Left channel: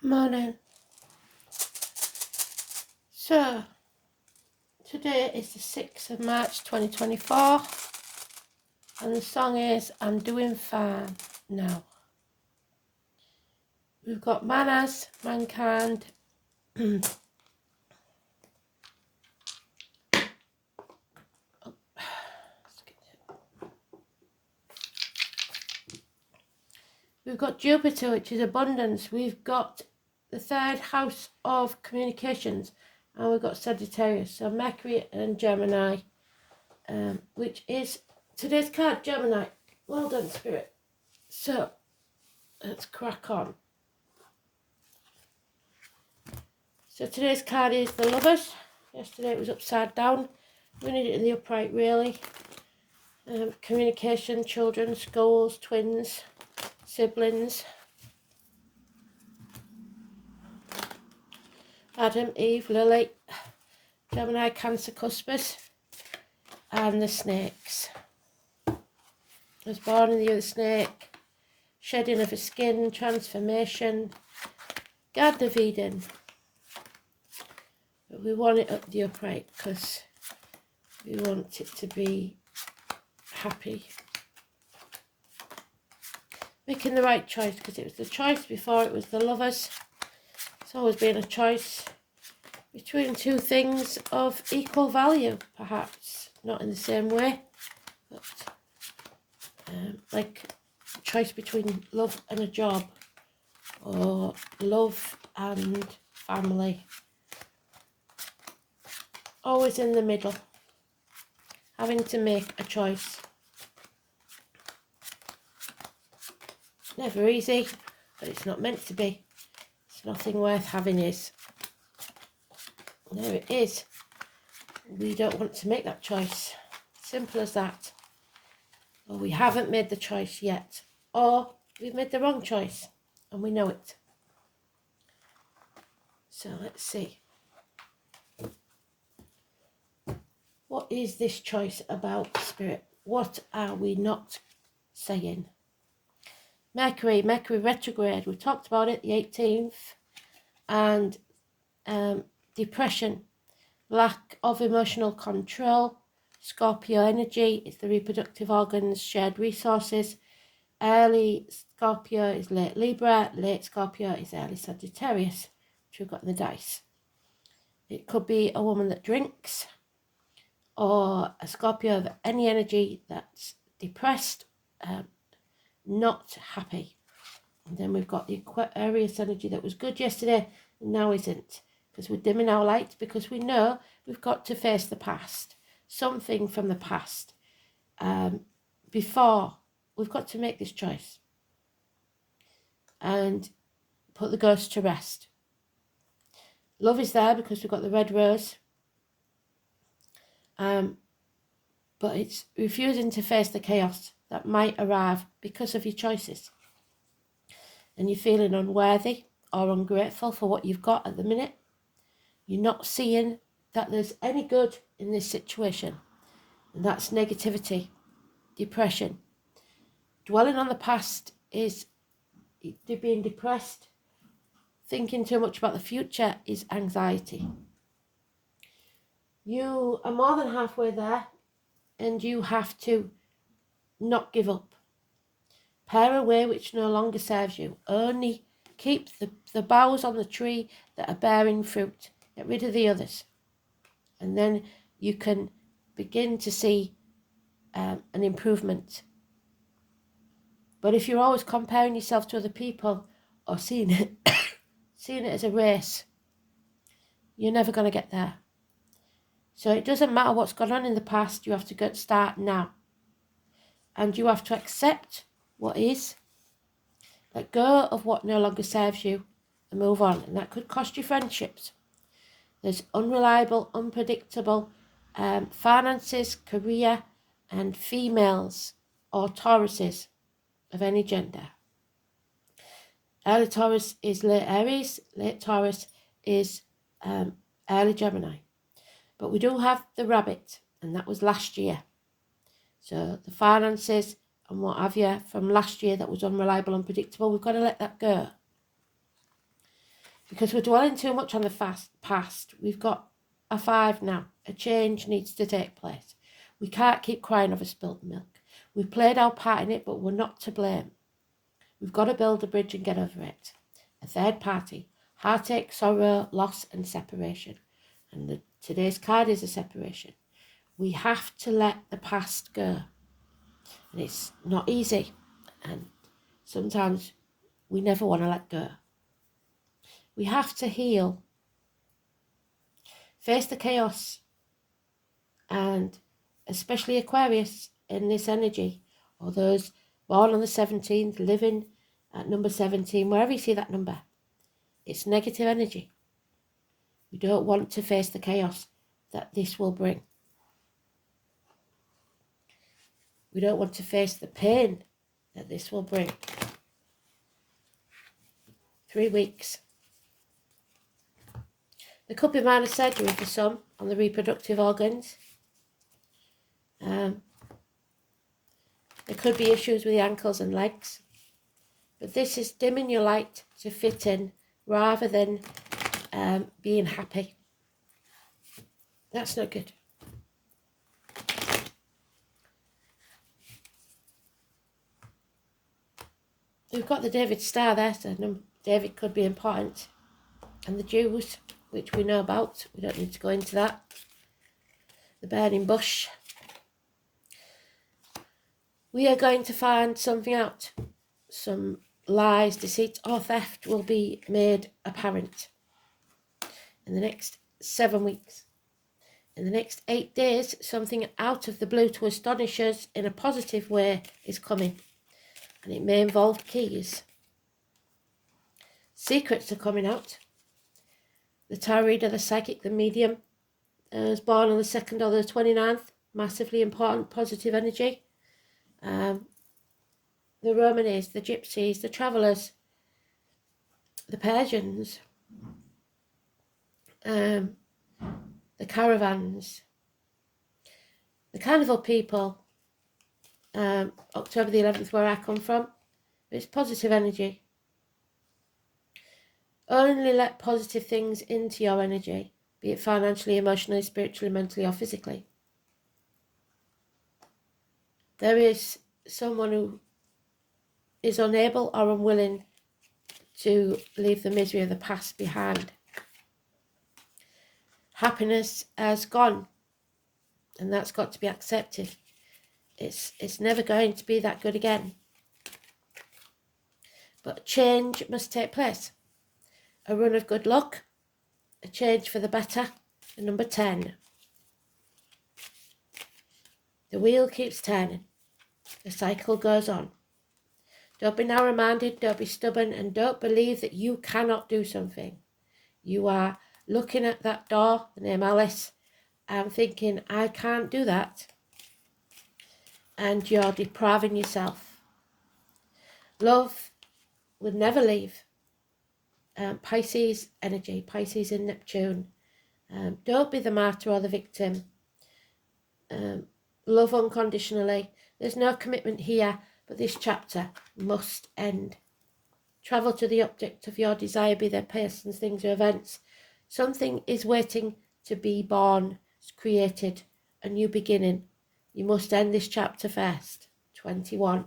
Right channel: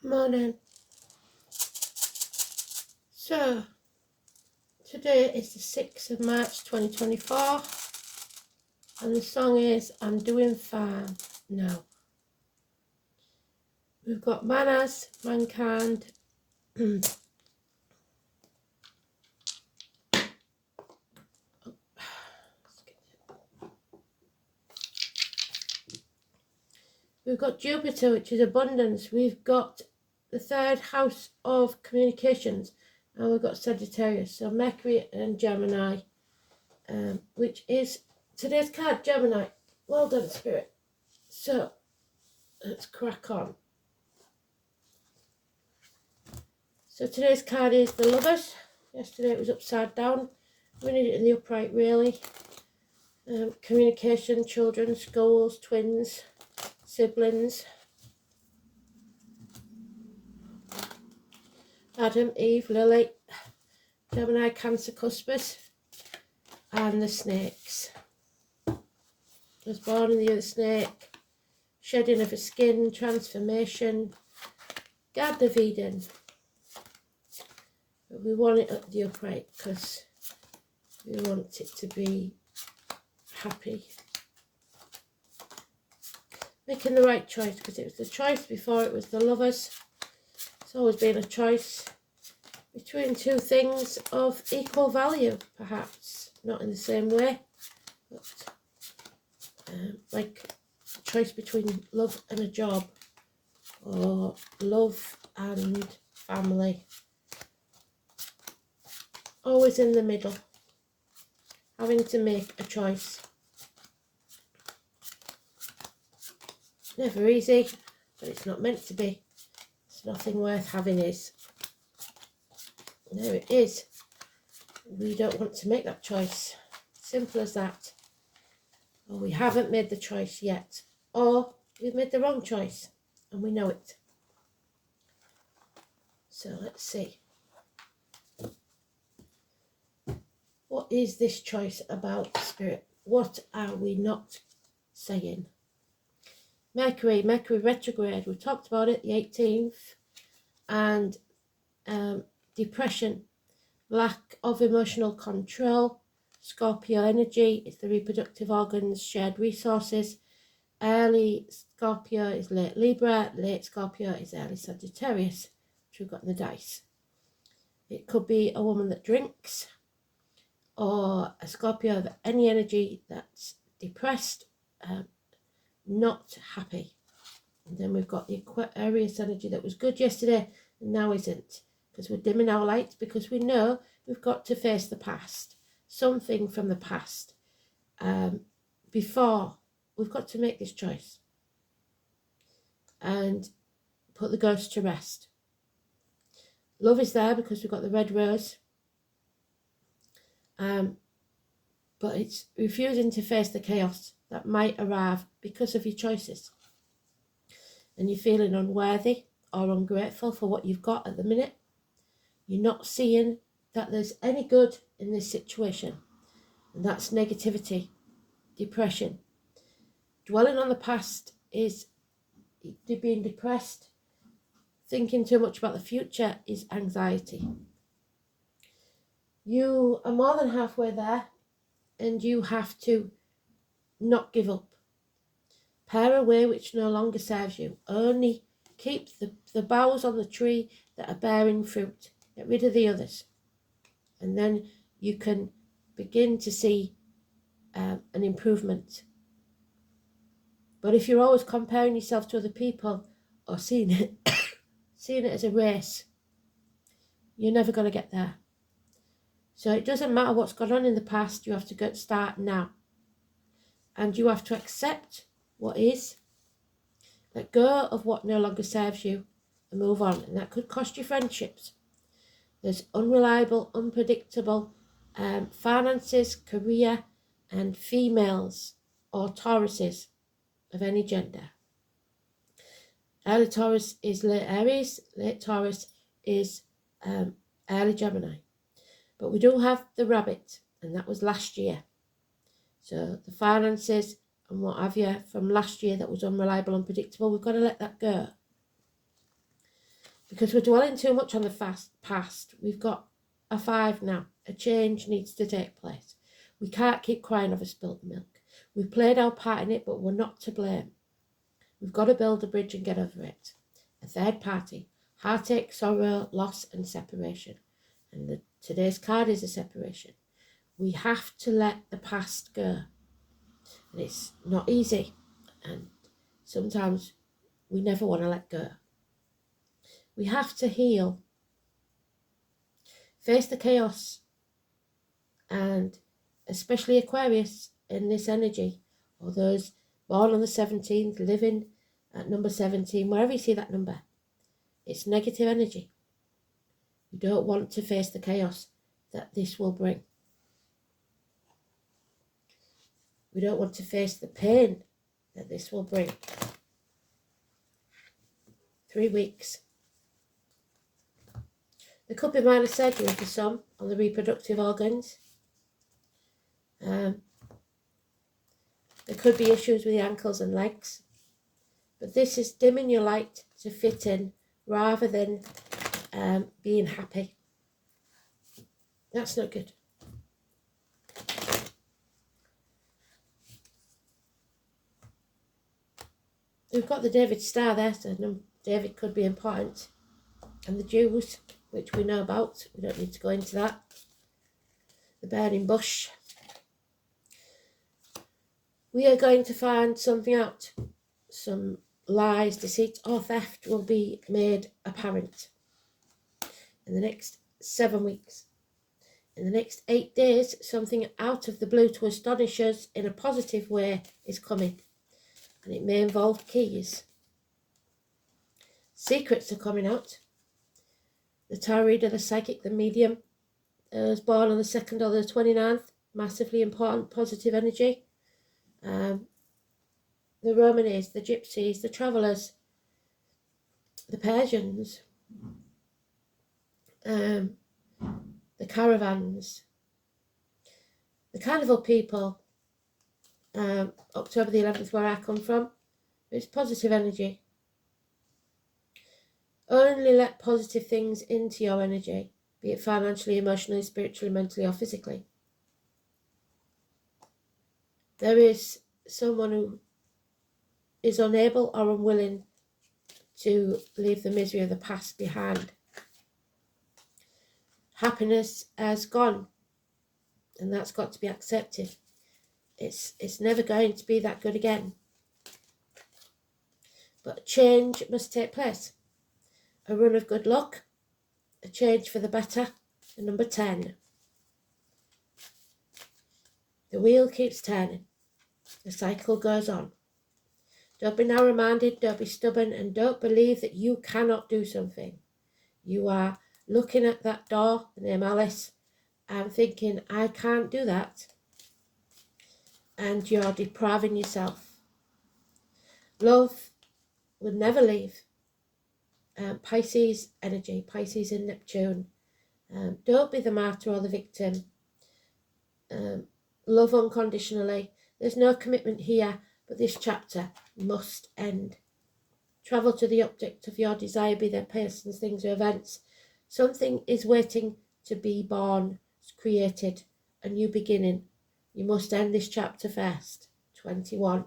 Morning. So, today is the 6th of March 2024, and the song is I'm Doing Fine Now. We've got manners, mankind, we've got Jupiter, which is abundance. We've got the third house of communications, and we've got Sagittarius. So Mercury and Gemini, which is today's card, Gemini. Well done, Spirit. So let's crack on. So today's card is the Lovers. Yesterday it was upside down. We need it in the upright, really. Communication, children, schools, twins, siblings. Adam, Eve, Lily, Gemini, Cancer, Cuspers, and the snakes. I was born in the year of the snake. Shedding of a skin, transformation, Garden of Eden. But we want it up the upright because we want it to be happy. Making the right choice, because it was the choice before it was the Lovers. It's always been a choice between two things of equal value, perhaps. Not in the same way, but like a choice between love and a job, or love and family. Always in the middle, having to make a choice. Never easy, but it's not meant to be. It's nothing worth having is. There it is. We don't want to make that choice. Simple as that. Or we haven't made the choice yet. Or we've made the wrong choice and we know it. So let's see. What is this choice about, Spirit? What are we not saying? Mercury retrograde. We talked about it the 18th. And depression, lack of emotional control. Scorpio energy is the reproductive organs, shared resources. Early Scorpio is late Libra. Late Scorpio is early Sagittarius, which we've got in the dice. It could be a woman that drinks, or a Scorpio of any energy that's depressed, not happy. And then we've got the Aquarius energy that was good yesterday and now isn't, because we're dimming our light, because we know we've got to face the past, something from the past. Before, we've got to make this choice and put the ghost to rest. Love is there because we've got the red rose. But it's refusing to face the chaos that might arrive because of your choices. And you're feeling unworthy or ungrateful for what you've got at the minute. You're not seeing that there's any good in this situation. And that's negativity, depression. Dwelling on the past is being depressed. Thinking too much about the future is anxiety. You are more than halfway there, and you have to not give up. Pare away which no longer serves you. Only keep the boughs on the tree that are bearing fruit. Get rid of the others. And then you can begin to see an improvement. But if you're always comparing yourself to other people or seeing it as a race, you're never going to get there. So it doesn't matter what's gone on in the past. You have to start now. And you have to accept what is. Let go of what no longer serves you and move on. And that could cost you friendships. There's unreliable, unpredictable finances, career, and females or Tauruses of any gender. Early Taurus is late Aries. Late Taurus is early Gemini. But we do have the rabbit, and that was last year. So the finances and what have you from last year that was unreliable, unpredictable, we've got to let that go. because we're dwelling too much on the past. We've got a 5 now. A change needs to take place. We can't keep crying over spilt milk. We've played our part in it, but we're not to blame. We've got to build a bridge and get over it. A third party, heartache, sorrow, loss and separation. And today's card is a separation. We have to let the past go. And it's not easy. And sometimes we never want to let go. We have to heal. Face the chaos. And especially Aquarius in this energy, or those born on the 17th, living at number 17, wherever you see that number, it's negative energy. We don't want to face the chaos that this will bring. We don't want to face the pain that this will bring. 3 weeks. There could be minor surgery for some on the reproductive organs. There could be issues with the ankles and legs. But this is dimming your light to fit in rather than being happy. That's not good. We've got the David star there, so David could be important. And the Jews, which we know about. We don't need to go into that. The burning bush. We are going to find something out. Some lies, deceit or theft will be made apparent in the next 7 weeks. In the next 8 days, something out of the blue to astonish us in a positive way is coming. And it may involve keys. Secrets are coming out. The tarot reader, the psychic, the medium is born on the 2nd or the 29th. Massively important, positive energy. The Romanes, the Gypsies, the Travellers, the Persians, the Caravans, the Carnival people, October the 11th, where I come from. It's positive energy. Only let positive things into your energy, be it financially, emotionally, spiritually, mentally or physically. There is someone who is unable or unwilling to leave the misery of the past behind. Happiness has gone, and that's got to be accepted. It's never going to be that good again. But change must take place. A run of good luck, a change for the better, and number 10. The wheel keeps turning. The cycle goes on. Don't be narrow-minded, don't be stubborn, and don't believe that you cannot do something. You are looking at that door, the name Alice, and thinking, I can't do that. And you're depriving yourself. Love will never leave. Pisces energy, Pisces in Neptune. Don't be the martyr or the victim. Love unconditionally. There's no commitment here, but this chapter must end. Travel to the object of your desire, be there persons, things or events. Something is waiting to be born, created, a new beginning. You must end this chapter first. 21.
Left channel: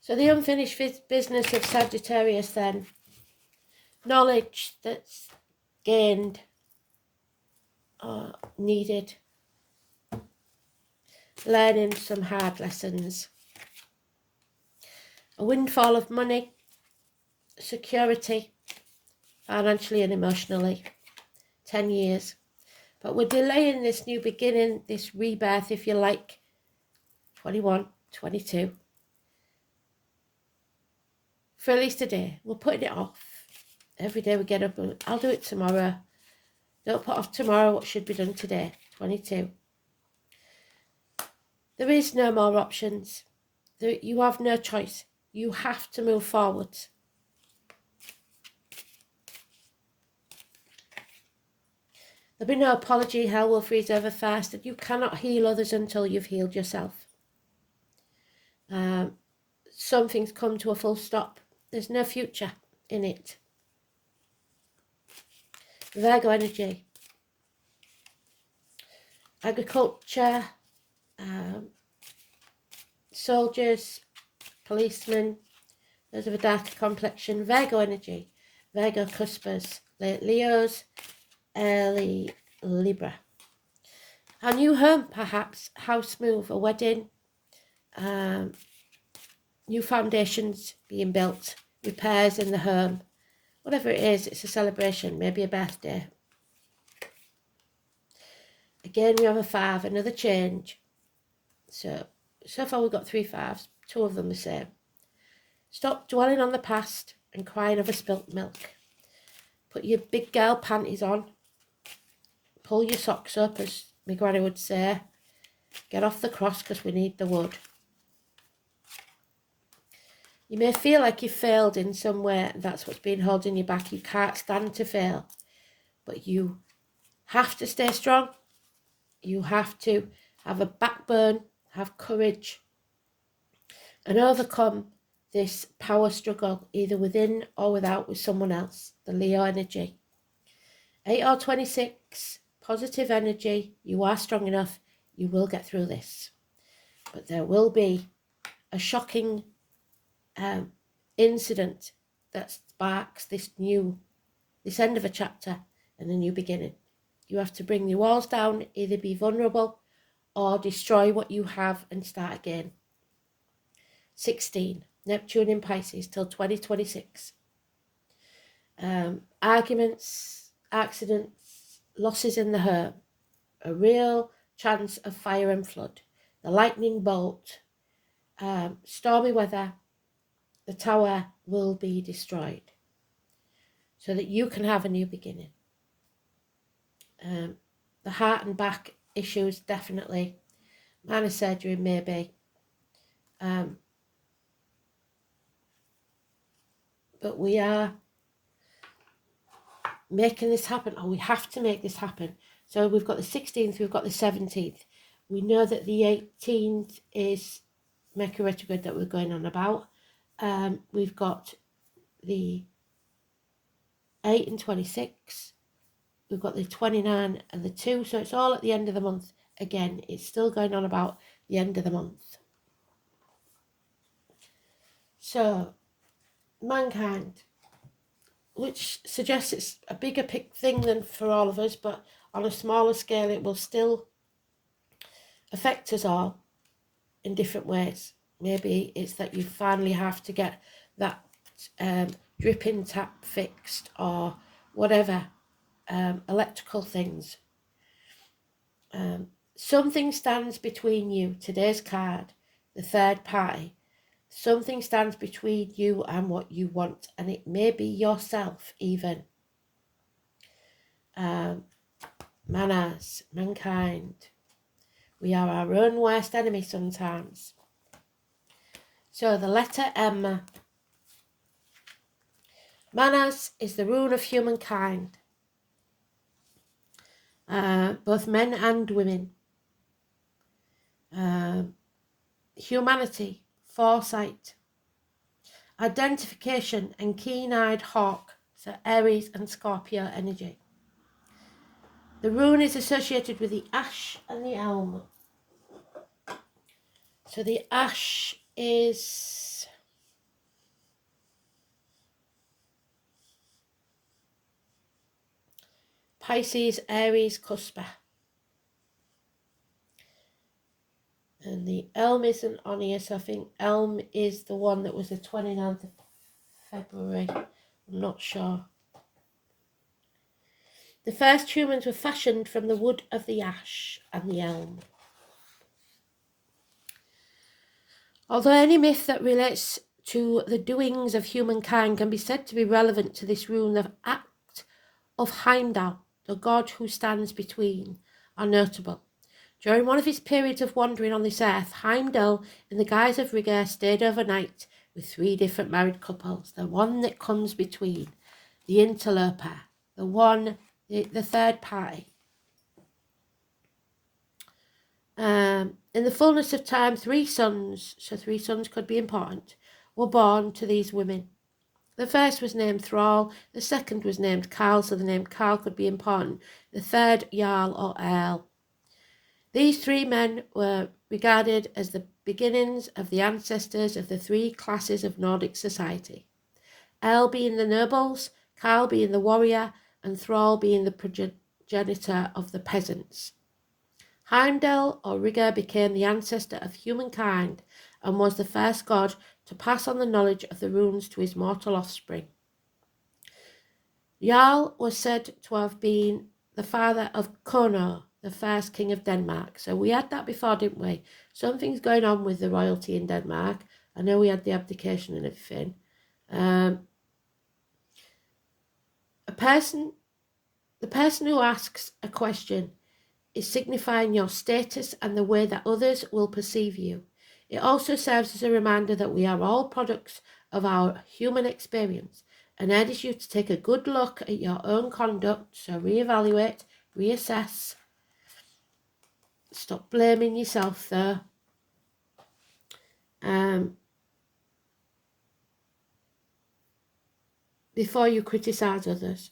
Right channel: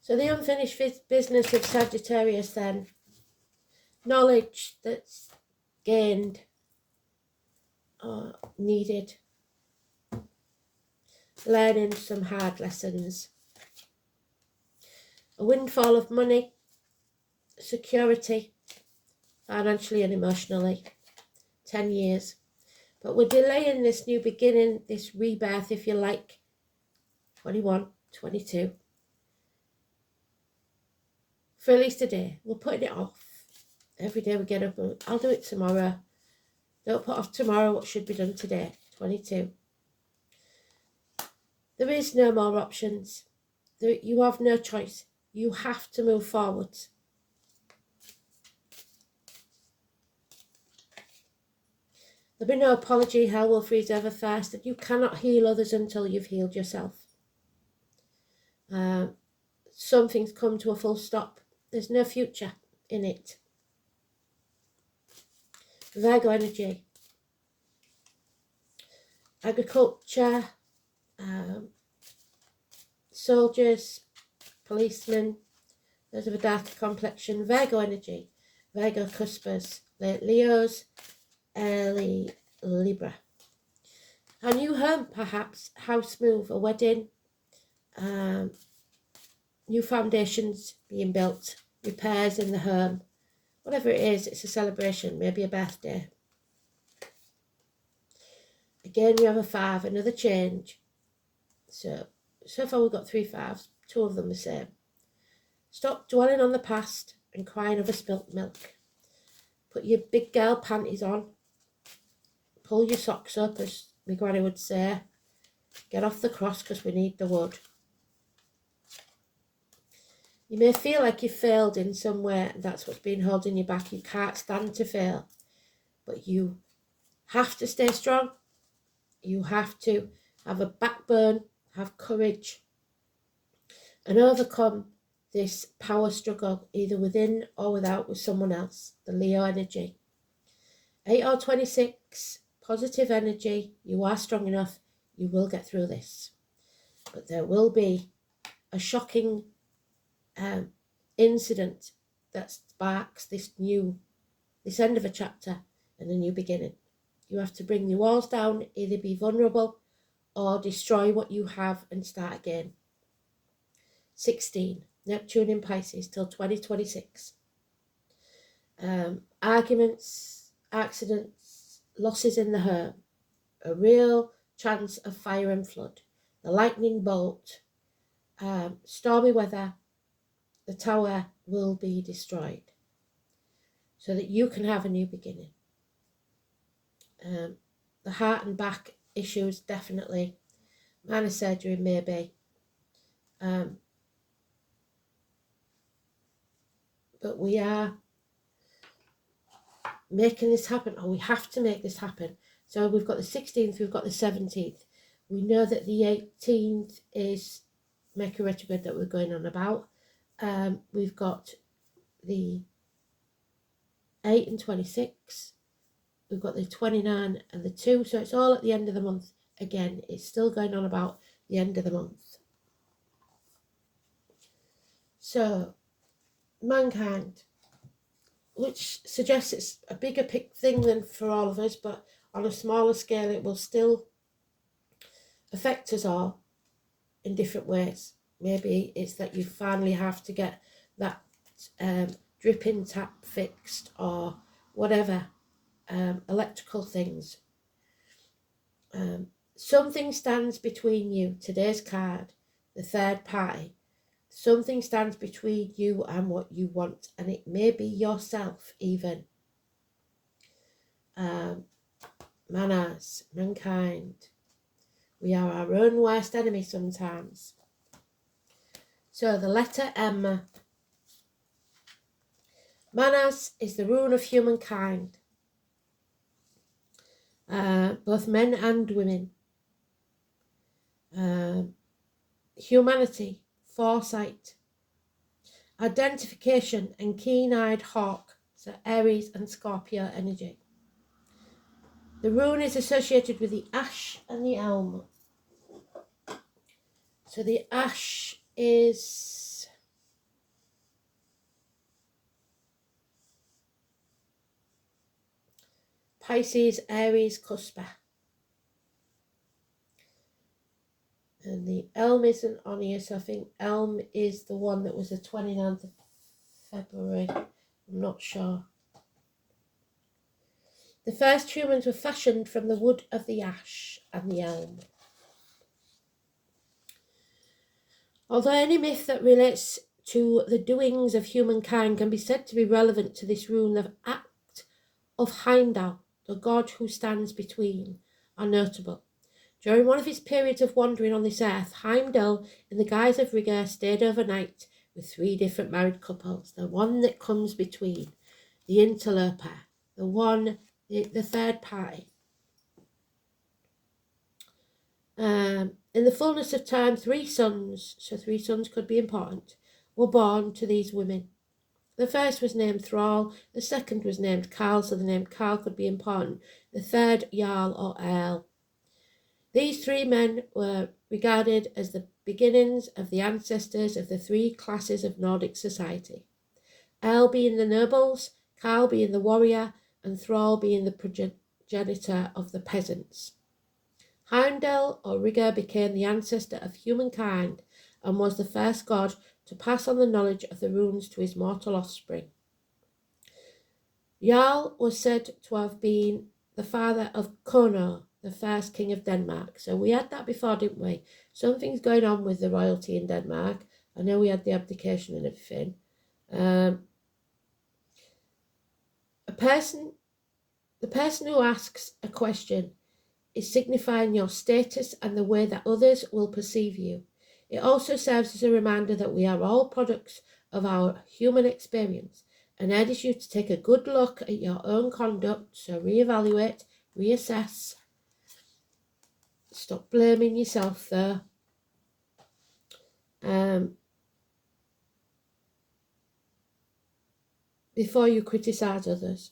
So the unfinished business of Sagittarius then. Knowledge that's gained or needed. Learning some hard lessons. A windfall of money. Security. Financially and emotionally. 10 years. But we're delaying this new beginning, this rebirth if you like. 21, 22. For at least a day. We're putting it off. Every day we get up, I'll do it tomorrow. Don't put off tomorrow what should be done today. 22. There is no more options. You have no choice. You have to move forward. There'll be no apology, hell will freeze over fast, and you cannot heal others until you've healed yourself. Some things come to a full stop. There's no future in it. Virgo energy. Agriculture, soldiers, policemen, those of a darker complexion. Virgo energy. Virgo cuspers, Leos, early Libra. A new home, perhaps, house move, a wedding, new foundations being built, repairs in the home. Whatever it is, it's a celebration, maybe a birthday. Again, we have a 5, another change. So far we've got 3 5s, 2 of them the same. Stop dwelling on the past and crying over spilt milk. Put your big girl panties on. Pull your socks up, as my granny would say. Get off the cross, because we need the wood. You may feel like you failed in some way. That's what's been holding you back. You can't stand to fail. But you have to stay strong. You have to have a backbone, have courage, and overcome this power struggle, either within or without, with someone else. The Leo energy. 8 or 26, positive energy. You are strong enough. You will get through this. But there will be a shocking incident that sparks this end of a chapter and a new beginning. You have to bring the walls down, either be vulnerable or destroy what you have and start again. 16, Neptune in Pisces till 2026. Arguments, accidents, losses in the home, a real chance of fire and flood, the lightning bolt, stormy weather. The tower will be destroyed so that you can have a new beginning. The heart and back issues, definitely. Minor surgery, maybe. But we are making this happen, or we have to make this happen. So we've got the 16th, we've got the 17th. We know that the 18th is Mercury retrograde that we're going on about. We've got the 8 and 26. We've got the 29 and the 2. So it's all at the end of the month. Again, it's still going on about the end of the month. So, mankind, which suggests it's a bigger thing than for all of us, but on a smaller scale, it will still affect us all in different ways. Maybe it's that you finally have to get that dripping tap fixed, or whatever, electrical things. Something stands between you. Today's card, the third party. Something stands between you and what you want, and it may be yourself even. Manners, mankind. We are our own worst enemy sometimes. So the letter M. Manners is the rule of humankind. Both men and women. Humanity, foresight, identification and keen-eyed hawk. So Aries and Scorpio energy. The rune is associated with the ash and the elm. So the ash is Pisces, Aries, Cusper. And the elm isn't on here, so I think elm is the one that was the 29th of February. I'm not sure. The first humans were fashioned from the wood of the ash and the elm. Although any myth that relates to the doings of humankind can be said to be relevant to this rune, the act of Heimdall, the god who stands between, are notable. During one of his periods of wandering on this earth, Heimdall, in the guise of Rigger, stayed overnight with 3 different married couples. The one that comes between, the interloper, the third party. In the fullness of time, 3 sons, so 3 sons could be important, were born to these women. The first was named Thrall, the second was named Carl, so the name Carl could be important, the third Jarl or Earl. These 3 men were regarded as the beginnings of the ancestors of the 3 classes of Nordic society. Earl being the nobles, Carl being the warrior, and Thrall being the progenitor of the peasants. Heimdall or Rigger became the ancestor of humankind and was the first god to pass on the knowledge of the runes to his mortal offspring. Jarl was said to have been the father of Kono, the first king of Denmark. So we had that before, didn't we? Something's going on with the royalty in Denmark. I know we had the abdication and everything. The person who asks a question is signifying your status and the way that others will perceive you. It also serves as a reminder that we are all products of our human experience and urges you to take a good look at your own conduct, so reevaluate, reassess, stop blaming yourself though. Before you criticise others.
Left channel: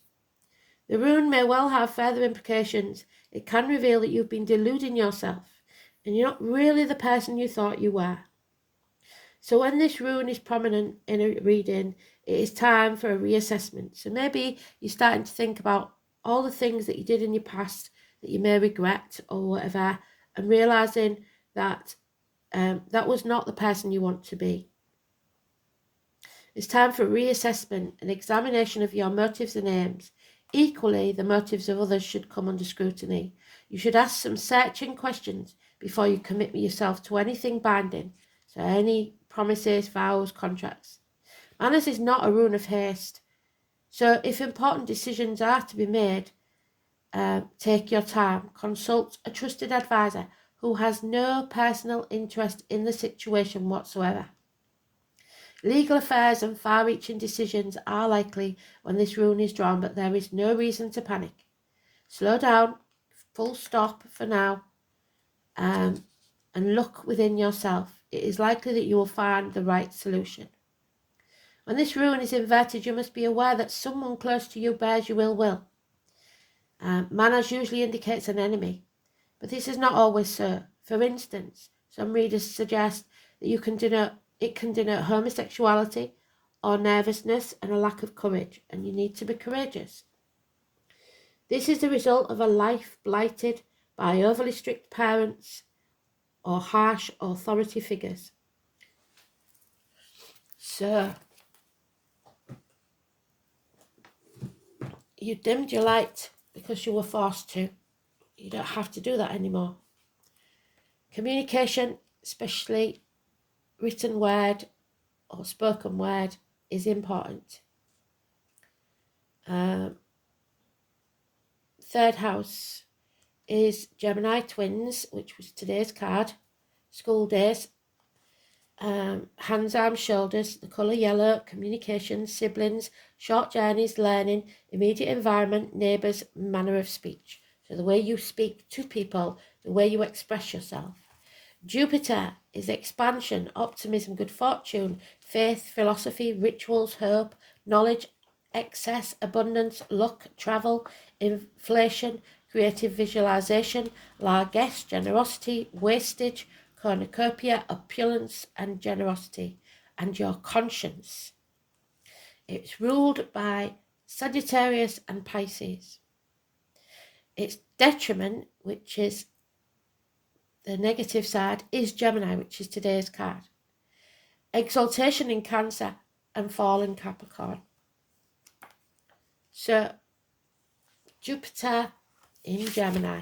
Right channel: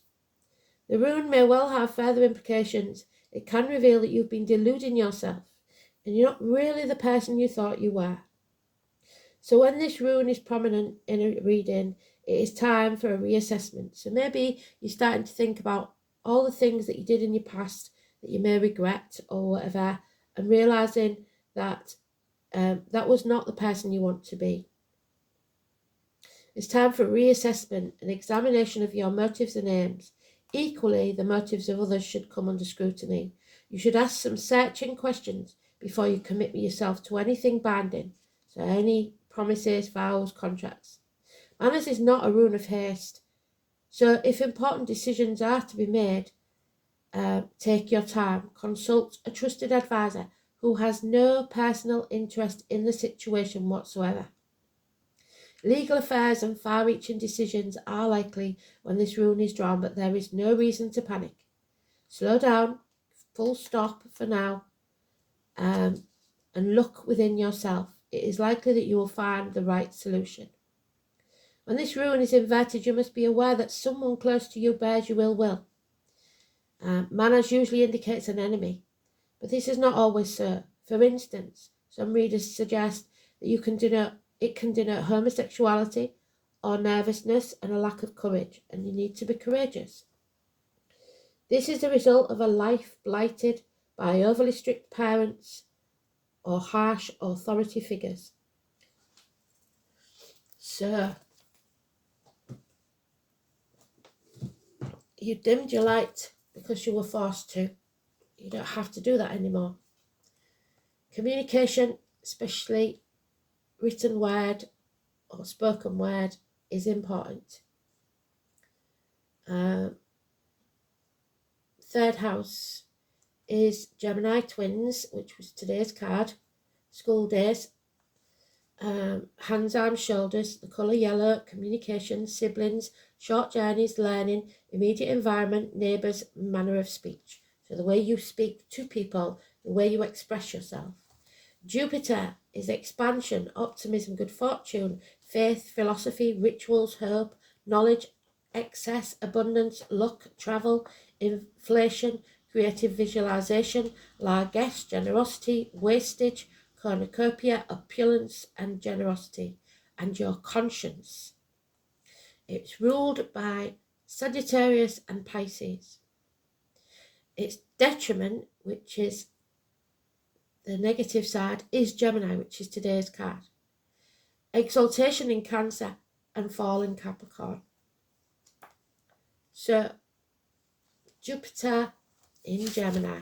The rune may well have further implications. It can reveal that you've been deluding yourself and you're not really the person you thought you were. So when this rune is prominent in a reading, it is time for a reassessment. So maybe you're starting to think about all the things that you did in your past that you may regret or whatever, and realising that that was not the person you want to be. It's time for reassessment and examination of your motives and aims. Equally, the motives of others should come under scrutiny. You should ask some searching questions before you commit yourself to anything binding, so any promises, vows, contracts. Manners is not a rune of haste, so if important decisions are to be made, take your time. Consult a trusted advisor who has no personal interest in the situation whatsoever. Legal affairs and far-reaching decisions are likely when this rune is drawn, but there is no reason to panic. Slow down, full stop for now, and look within yourself. It is likely that you will find the right solution. When this rune is inverted, you must be aware that someone close to you bears you ill will. Manners usually indicates an enemy, but this is not always so. For instance, some readers suggest that it can denote homosexuality or nervousness and a lack of courage, and you need to be courageous. This is the result of a life blighted by overly strict parents or harsh authority figures. So, you dimmed your light because you were forced to. You don't have to do that anymore. Communication, especially written word or spoken word, is important. Third house is Gemini twins, which was today's card. School days, hands, arms, shoulders, the colour yellow, communication, siblings, short journeys, learning, immediate environment, neighbours, manner of speech. So the way you speak to people, the way you express yourself. Jupiter is expansion, optimism, good fortune, faith, philosophy, rituals, hope, knowledge, excess, abundance, luck, travel, inflation, creative visualization, largesse, generosity, wastage, cornucopia, opulence, and generosity, and your conscience. It's ruled by Sagittarius and Pisces. Its detriment, which is the negative side, is Gemini, which is today's card. Exaltation in Cancer and fall in Capricorn. So, Jupiter in Gemini.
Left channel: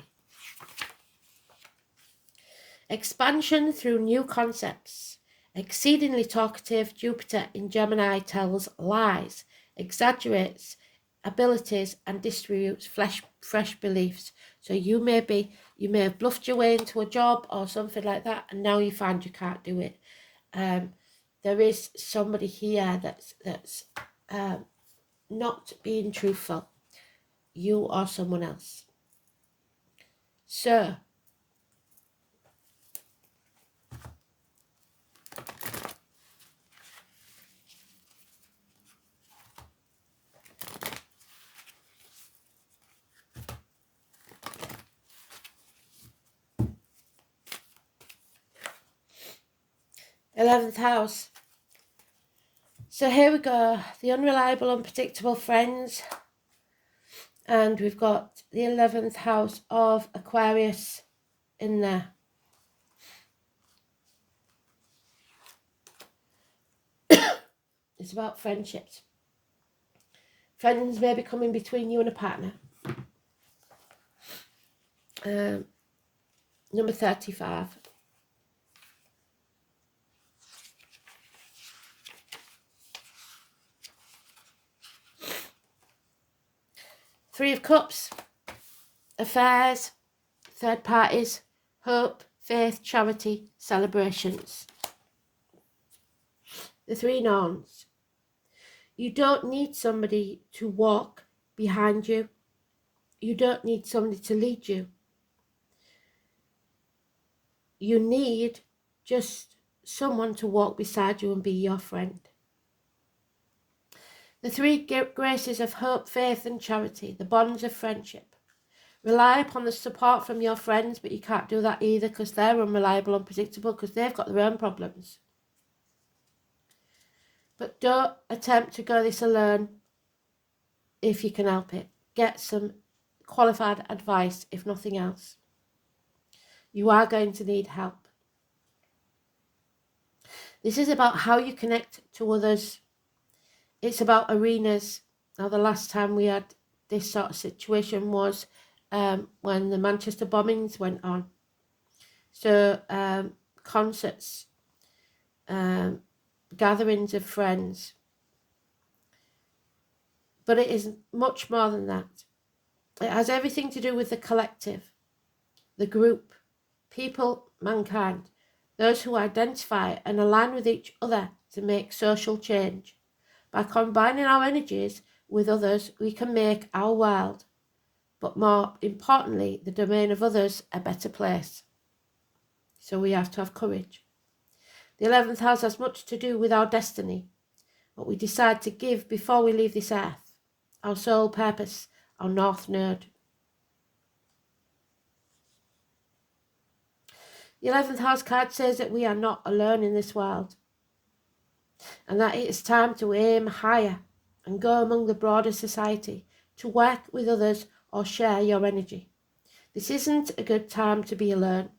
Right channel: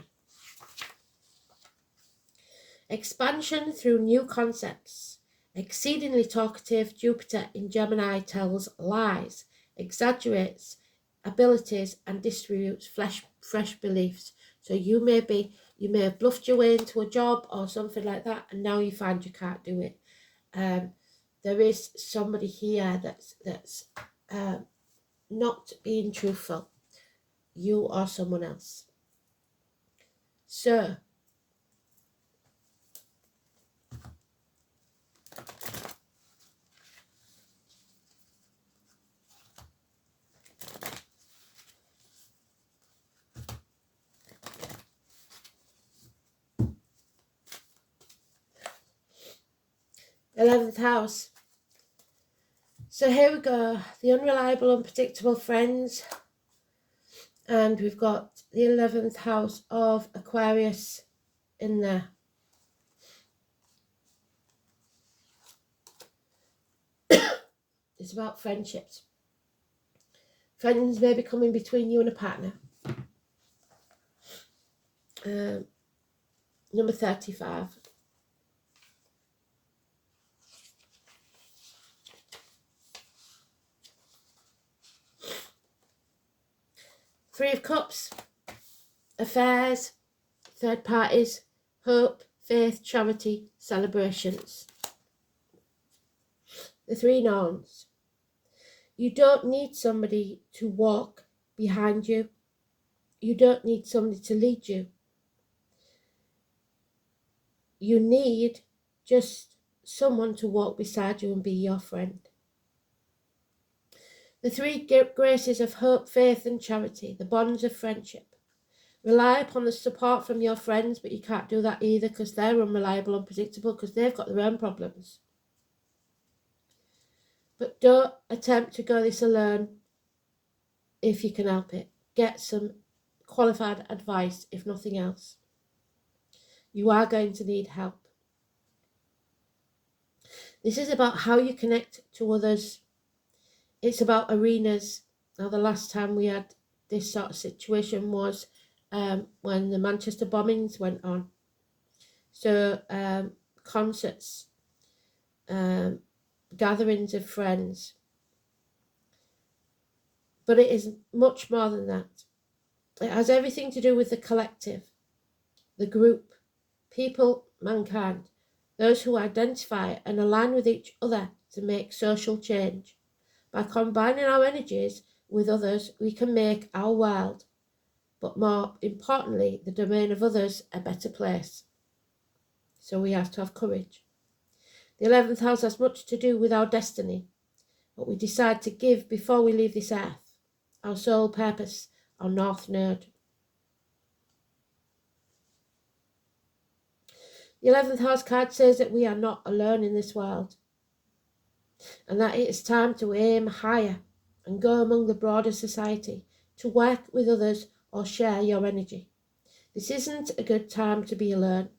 Expansion through new concepts. Exceedingly talkative, Jupiter in Gemini tells lies, exaggerates abilities, and distributes fresh beliefs. So you may have bluffed your way into a job or something like that, and now you find you can't do it. There is somebody here that's not being truthful. You or someone else. So, 11th house. So here we go, the unreliable, unpredictable friends. And we've got the 11th house of Aquarius in there. It's about friendships. Friends may be coming between you and a partner. Number 35. Three of Cups. Affairs, third parties, hope, faith, charity, celebrations. The Three Norns. You don't need somebody to walk behind you. You don't need somebody to lead you. You need just someone to walk beside you and be your friend. The three graces of hope, faith and charity, the bonds of friendship. Rely upon the support from your friends, but you can't do that either because they're unreliable, unpredictable, because they've got their own problems. But don't attempt to go this alone if you can help it. Get some qualified advice, if nothing else. You are going to need help. This is about how you connect to others. It's about arenas. Now, the last time we had this sort of situation was when the Manchester bombings went on. So concerts, gatherings of friends. But it is much more than that. It has everything to do with the collective, the group, people, mankind, those who identify and align with each other to make social change. By combining our energies with others, we can make our world, but more importantly, the domain of others, a better place. So we have to have courage. The 11th house has much to do with our destiny, what we decide to give before we leave this earth, our sole purpose, our north node. The 11th house card says that we are not alone in this world and that it is time to aim higher and go among the broader society, to work with others or share your energy. This isn't a good time to be alone.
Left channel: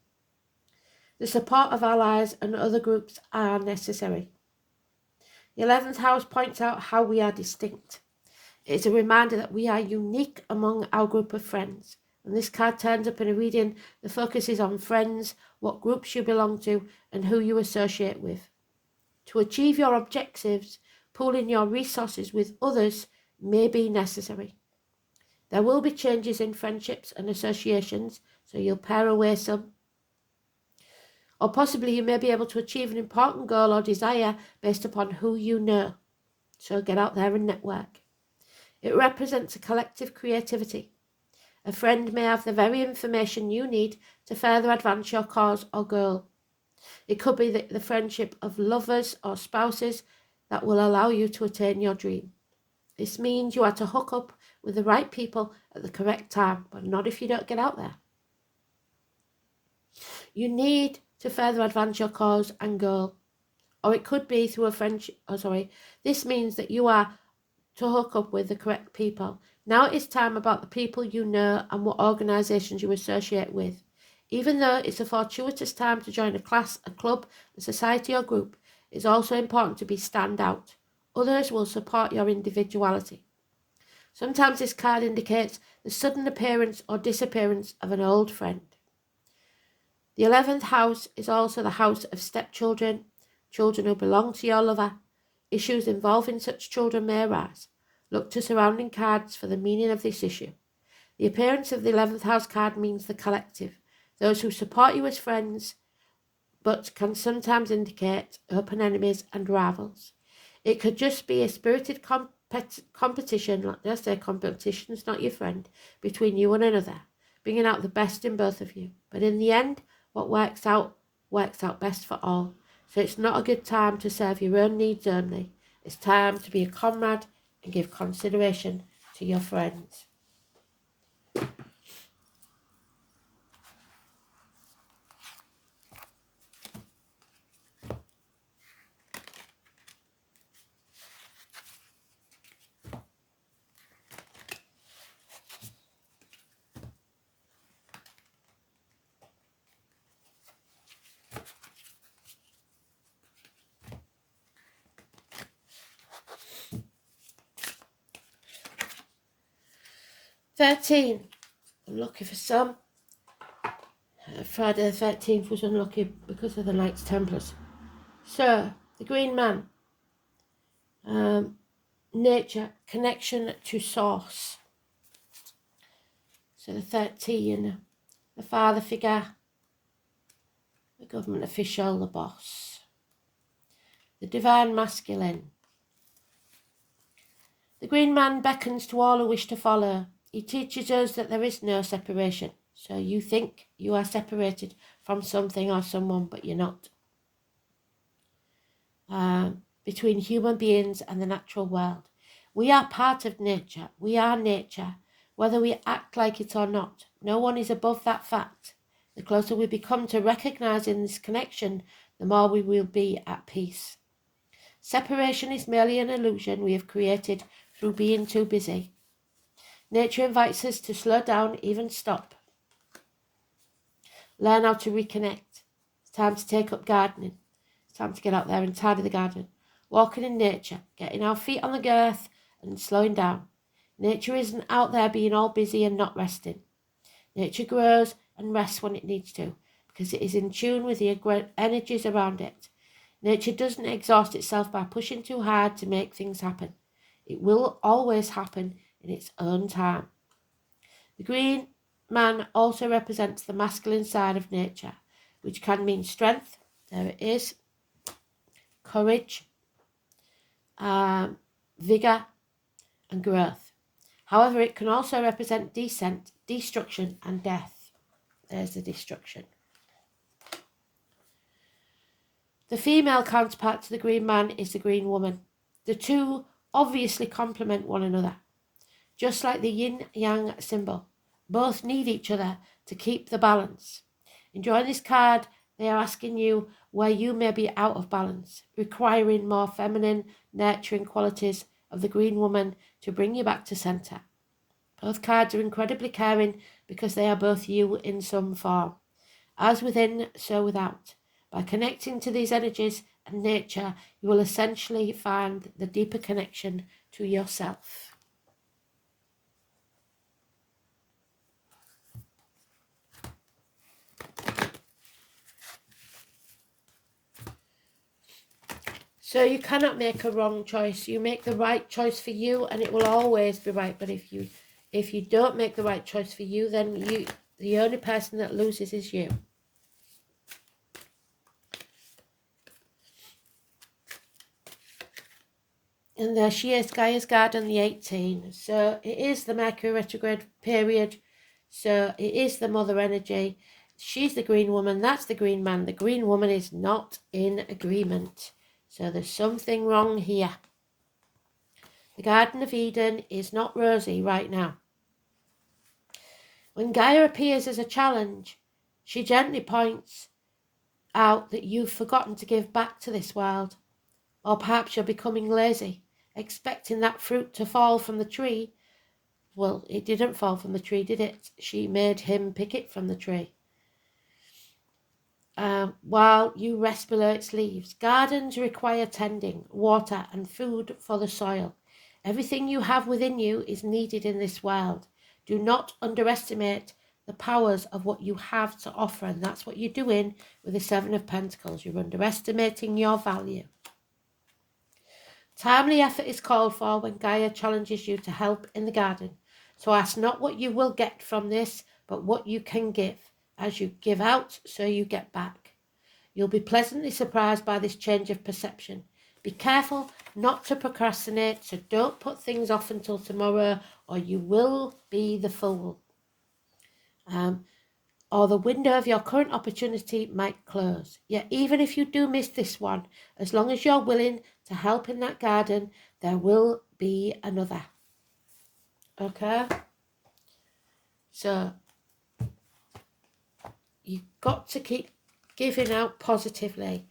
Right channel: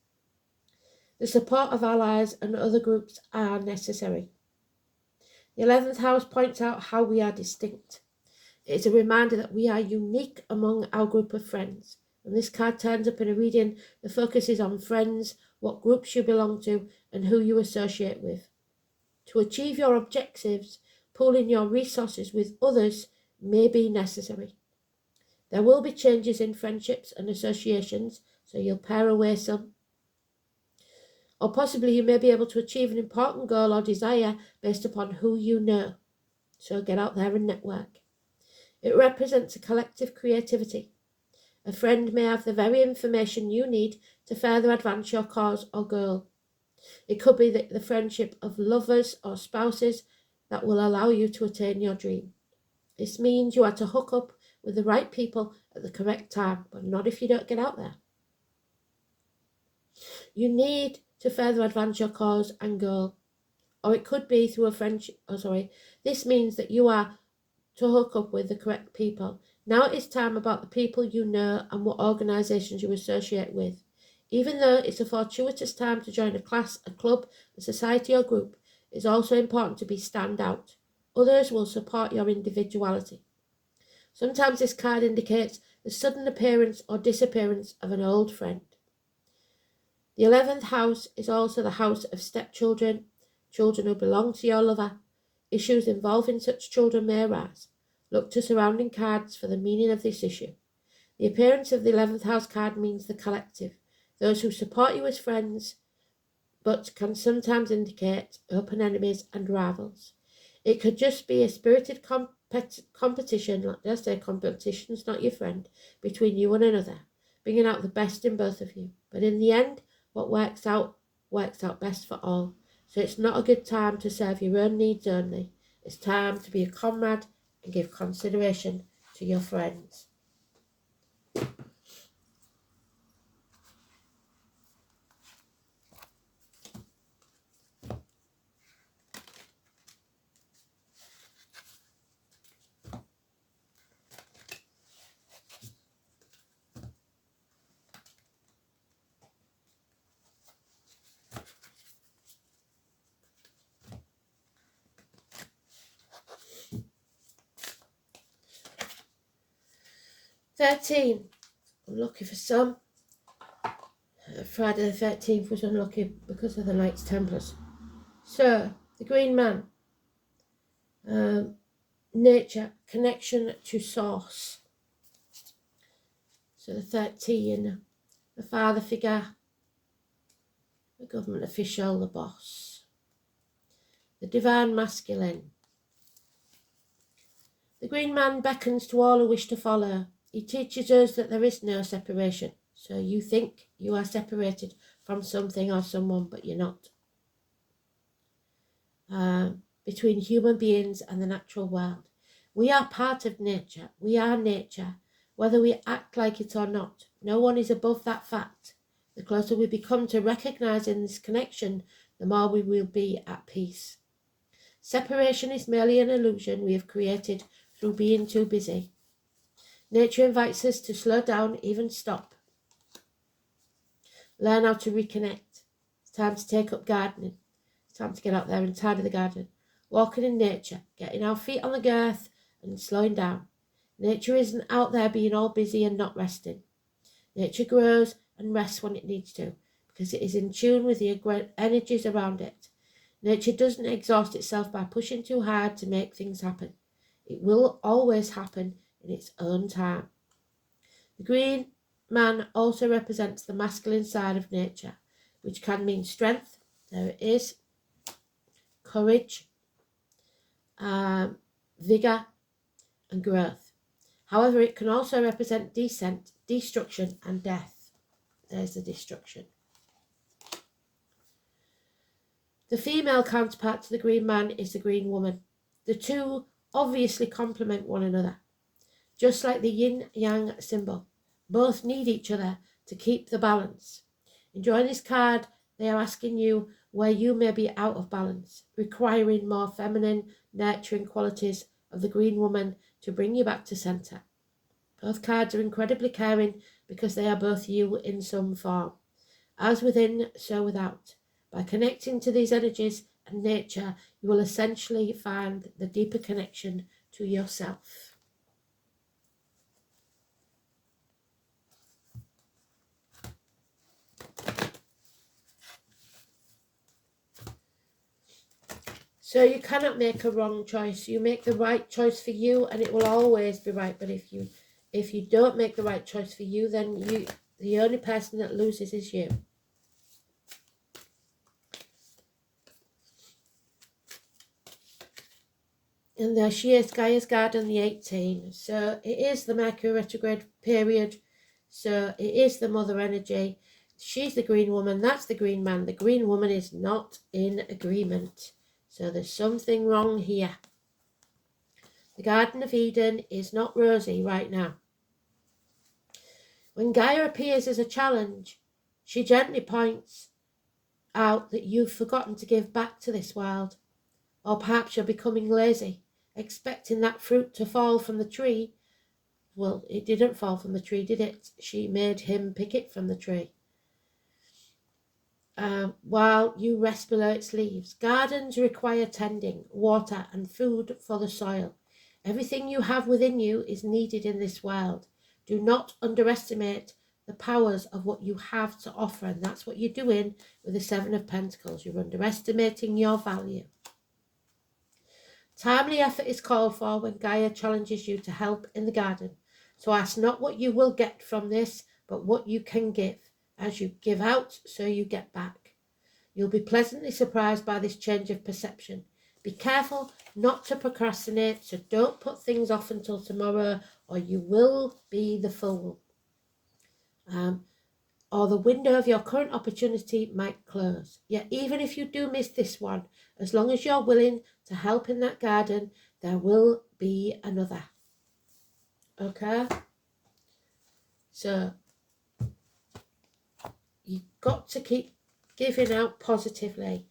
The support of allies and other groups are necessary. The 11th house points out how we are distinct. It is a reminder that we are unique among our group of friends. When this card turns up in a reading, the focus is on friends, what groups you belong to, and who you associate with. To achieve your objectives, pooling your resources with others may be necessary. There will be changes in friendships and associations, so you'll pare away some. Or possibly you may be able to achieve an important goal or desire based upon who you know. So get out there and network. It represents a collective creativity. A friend may have the very information you need to further advance your cause or goal. It could be the friendship of lovers or spouses that will allow you to attain your dream. This means you are to hook up with the right people at the correct time, but not if you don't get out there. You need to further advance your cause and goal. Or it could be through a friendship. This means that you are to hook up with the correct people. Now it's time about the people you know and what organisations you associate with. Even though it's a fortuitous time to join a class, a club, a society or group, it's also important to be stand out. Others will support your individuality. Sometimes this card indicates the sudden appearance or disappearance of an old friend. The 11th house is also the house of stepchildren, children who belong to your lover. Issues involving such children may arise. Look to surrounding cards for the meaning of this issue. The appearance of the 11th house card means the collective, those who support you as friends, but can sometimes indicate open enemies and rivals. It could just be a spirited competition, like I say, competition's not your friend, between you and another, bringing out the best in both of you. But in the end, what works out best for all. So it's not a good time to serve your own needs only. It's time to be a comrade and give consideration to your friends. 13, unlucky for some. Friday the 13th was unlucky because of the Knights Templars. So, the Green Man. Nature, connection to source. So the 13, the father figure, the government official, the boss. The divine masculine. The Green Man beckons to all who wish to follow. He teaches us that there is no separation. So you think you are separated from something or someone, but you're not. Between human beings and the natural world. We are part of nature. We are nature, whether we act like it or not. No one is above that fact. The closer we become to recognizing this connection, the more we will be at peace. Separation is merely an illusion we have created through being too busy. Nature invites us to slow down, even stop. Learn how to reconnect. It's time to take up gardening. It's time to get out there and tidy the garden. Walking in nature, getting our feet on the earth and slowing down. Nature isn't out there being all busy and not resting. Nature grows and rests when it needs to, because it is in tune with the energies around it. Nature doesn't exhaust itself by pushing too hard to make things happen. It will always happen in its own time. The Green Man also represents the masculine side of nature, which can mean strength, there it is, courage, vigour and growth. However, it can also represent descent, destruction and death. There's the destruction. The female counterpart to the Green Man is the Green Woman. The two obviously complement one another. Just like the yin-yang symbol, both need each other to keep the balance. In drawing this card, they are asking you where you may be out of balance, requiring more feminine, nurturing qualities of the Green Woman to bring you back to centre. Both cards are incredibly caring because they are both you in some form. As within, so without. By connecting to these energies and nature, you will essentially find the deeper connection to yourself. So you cannot make a wrong choice. You make the right choice for you and it will always be right. But if you don't make the right choice for you, then the only person that loses is you. And there she is, Gaia's Garden, the 18. So it is the Mercury retrograde period. So it is the mother energy. She's the Green Woman. That's the Green Man. The Green Woman is not in agreement. So there's something wrong here. The Garden of Eden is not rosy right now. When Gaia appears as a challenge, she gently points out that you've forgotten to give back to this world. Or perhaps you're becoming lazy, expecting that fruit to fall from the tree. Well, it didn't fall from the tree, did it? She made him pick it from the tree. While you rest below its leaves. Gardens require tending, water and food for the soil. Everything you have within you is needed in this world. Do not underestimate the powers of what you have to offer, and that's what you're doing with the Seven of Pentacles. You're underestimating your value. Timely effort is called for when Gaia challenges you to help in the garden. So ask not what you will get from this, but what you can give. As you give out, so you get back. You'll be pleasantly surprised by this change of perception. Be careful not to procrastinate, so don't put things off until tomorrow or you will be the fool. Or the window of your current opportunity might close. Yet even if you do miss this one, as long as you're willing to help in that garden, there will be another. Okay? So you've got to keep giving out positively.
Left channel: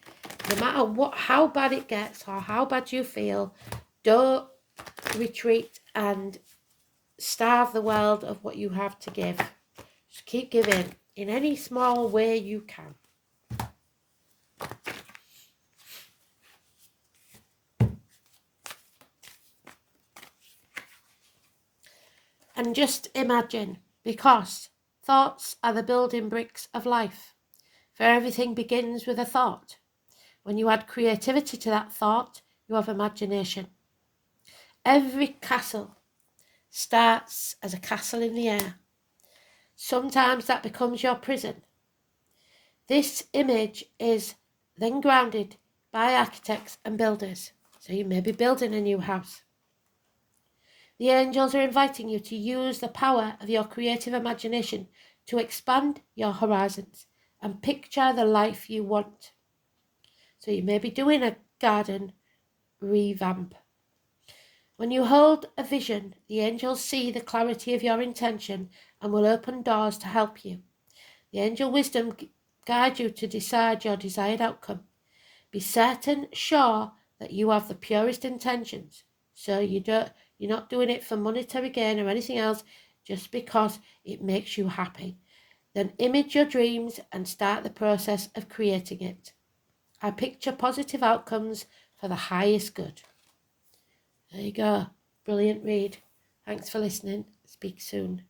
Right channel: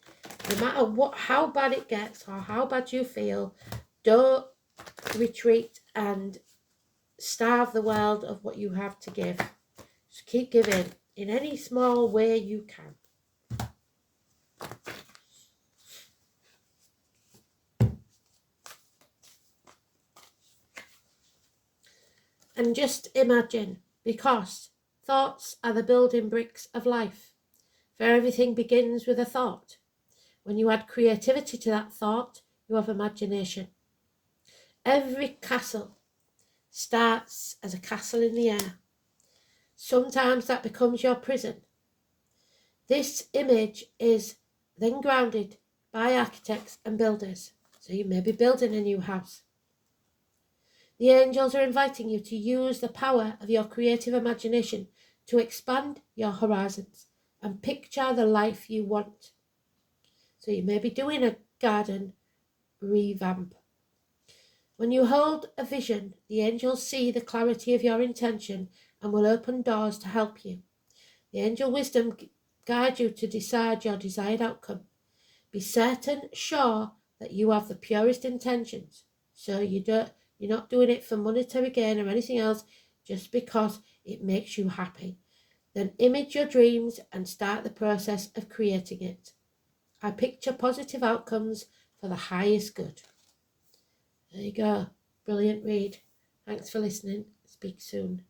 No matter how bad it gets or how bad you feel, don't retreat and starve the world of what you have to give. Just keep giving in any small way you can. And just imagine, because thoughts are the building bricks of life. For everything begins with a thought. When you add creativity to that thought, you have imagination. Every castle starts as a castle in the air. Sometimes that becomes your prison. This image is then grounded by architects and builders. So you may be building a new house. The angels are inviting you to use the power of your creative imagination to expand your horizons and picture the life you want. So you may be doing a garden revamp. When you hold a vision, the angels see the clarity of your intention and will open doors to help you. The angel wisdom guides you to decide your desired outcome. Be certain, sure that you have the purest intentions. So you're not doing it for monetary gain or anything else, just because it makes you happy. Then image your dreams and start the process of creating it. I picture positive outcomes for the highest good. There you go. Brilliant read. Thanks for listening. Speak soon.